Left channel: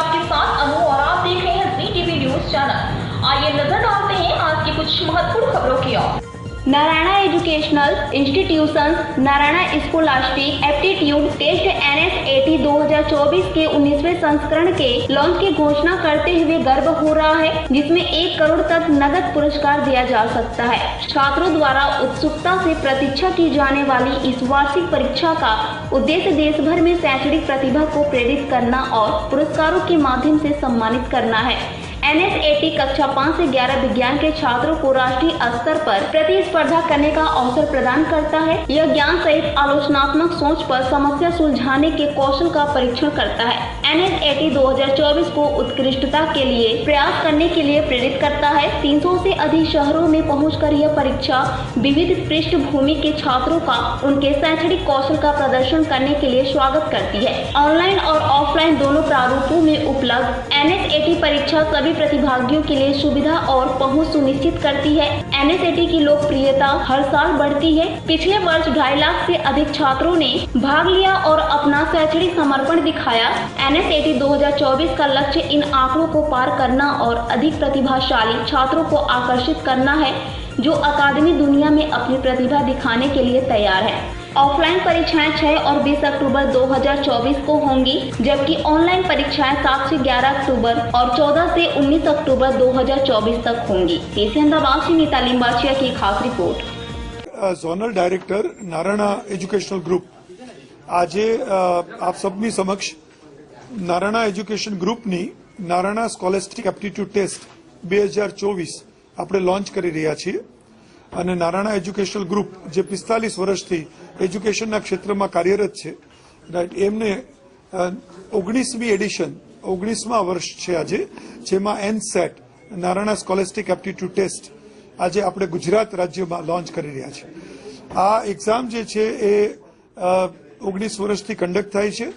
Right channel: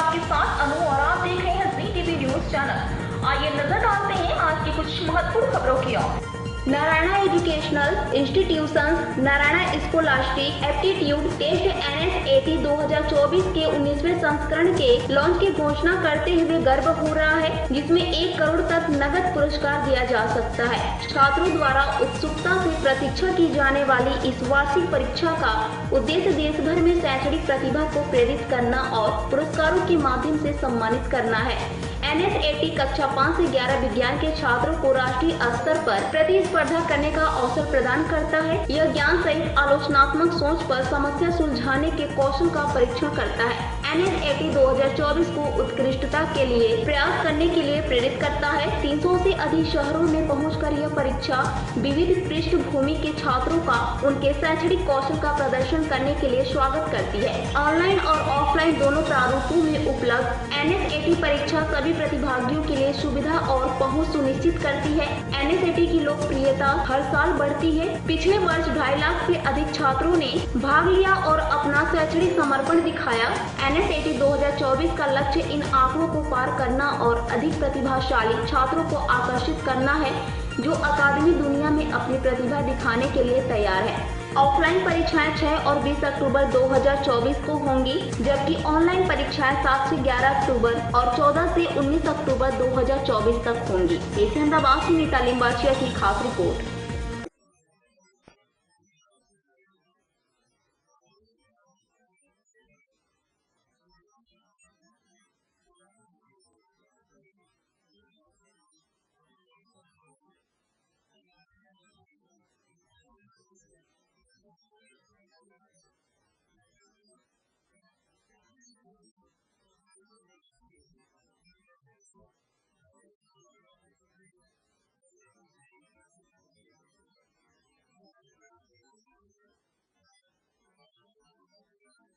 आपके साथ अनु और आप देख रहे हैं जी टीवी न्यूज चैनल। आइए नजर डालते हैं आज की कुछ महत्वपूर्ण खबरों की ओर। Narayana educational institution Narayana scholastic aptitude test NSAT 2024 के 19वें संस्करण के लॉन्च की घोषणा करते हुए गर्व हो रहा है, जिसमें 1 करोड़ तक नगद पुरस्कार दिया जा सकता है। छात्रों द्वारा उत्सुकता से प्रतीक्षा की जाने वाली इस वार्षिक परीक्षा का उद्देश्य देश भर में शैक्षणिक प्रतिभा को प्रेरित करना और पुरस्कारों के माध्यम से सम्मानित करना है। NSAT कक्षा 5 से 11 विज्ञान के छात्रों को राष्ट्रीय स्तर पर प्रतिस्पर्धा करने का अवसर प्रदान करता है। यह ज्ञान सहित आलोचनात्मक सोच पर समस्या सुलझाने के कौशल का परीक्षण करता है। NSAT 2024 को उत्कृष्टता के लिए प्रयास करने के लिए प्रेरित करता है। 300 से अधिक शहरों में पहुंचकर यह परीक्षा विविध पृष्ठभूमि के छात्रों का उनके शैक्षणिक कौशल का प्रदर्शन करने के लिए स्वागत करती है। ऑनलाइन और ऑफलाइन दोनों प्रारूपों में उपलब्ध NSAT परीक्षा सभी प्रतिभागियों के लिए सुविधा और पहुंच सुनिश्चित करती है। NSAT की लोकप्रियता हर साल बढ़ती है। पिछले वर्ष 2.5 लाख से अधिक छात्रों ने भाग लिया और अपना शैक्षणिक समर्पण दिखाया। NSAT 2024 का लक्ष्य इन आंकड़ों को पार करना और अधिक प्रतिभाशाली छात्रों को आकर्षित करना है, जो अकादमी दुनिया में अपनी प्रतिभा दिखाने के लिए तैयार है। ऑफलाइन परीक्षाएं 6 और 20 अक्टूबर 2024 को होंगी, जबकि ऑनलाइन परीक्षाएं 7 से 11 अक्टूबर और 14 से 19 अक्टूबर 2024 तक होंगी। एशियन दबाव से नीता लिंबाचिया की खास report. Zonal director Narayana educational group આજે આપ સબની સમક્ષ નારાયણા એજ્યુકેશન ગ્રુપની નારાયણા સ્કોલેસ્ટિક એપ્ટિટ્યુડ ટેસ્ટ 2024 આપણે લોન્ચ કરી રહ્યા છીએ અને નારાયણા એજ્યુકેશનલ ગ્રુપ જે 45 વર્ષથી એજ્યુકેશનના ક્ષેત્રમાં કાર્યરત છે, રાઈટ, એમને 19મી એડિશન 19મા વર્ષ છે આજે, જેમાં NSAT Narayana scholastic aptitude test આજે આપણે ગુજરાત રાજ્યમાં લોન્ચ કરી રહ્યા છે। આ એક્ઝામ જે છે એ 19 વર્ષથી કંડક્ટ થાય છે।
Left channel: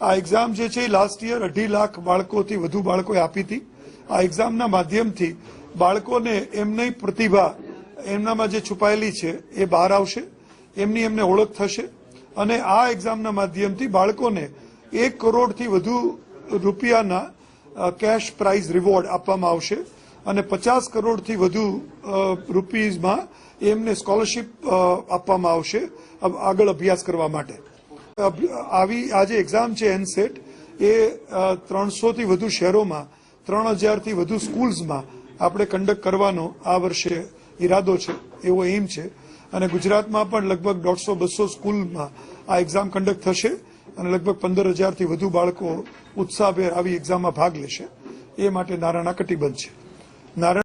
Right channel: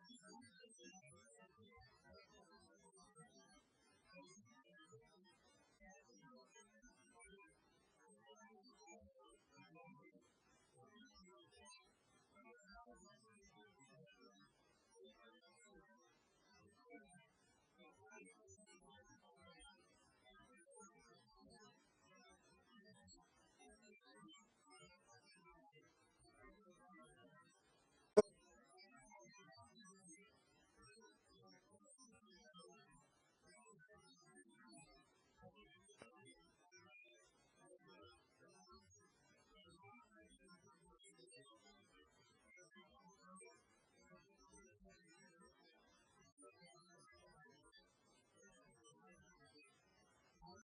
આ એક્ઝામ જે છે એ લાસ્ટ યર 2.5 લાખ બાળકોથી વધુ બાળકોએ આપી હતી। આ એક્ઝામના માધ્યમથી બાળકોને એમની પ્રતિભા એમનામાં જે છુપાયેલી છે એ બહાર આવશે, એમની એમને ઓળખ થશે અને આ એક્ઝામના માધ્યમથી બાળકોને 1 કરોડથી વધુ રૂપિયાના કેશ પ્રાઇઝ રિવોર્ડ આપવામાં આવશે અને 50 કરોડથી વધુ રૂપીઝમાં એમને સ્કોલરશીપ આપવામાં આવશે આગળ અભ્યાસ કરવા માટે। આવી આ જે એક્ઝામ છે NSAT એ 300થી વધુ શહેરોમાં 3000થી વધુ સ્કૂલ્સમાં આપણે કંડક્ટ કરવાનો આ વર્ષે ઈરાદો છે, એવો એમ છે અને ગુજરાતમાં પણ લગભગ 150-200 સ્કૂલમાં આ એક્ઝામ કંડક્ટ થશે અને લગભગ 15,000થી વધુ બાળકો ઉત્સાહભેર આવી એક્ઝામમાં ભાગ લેશે। એ માટે નારાયણા કટિબદ્ધ છે। નારાયણ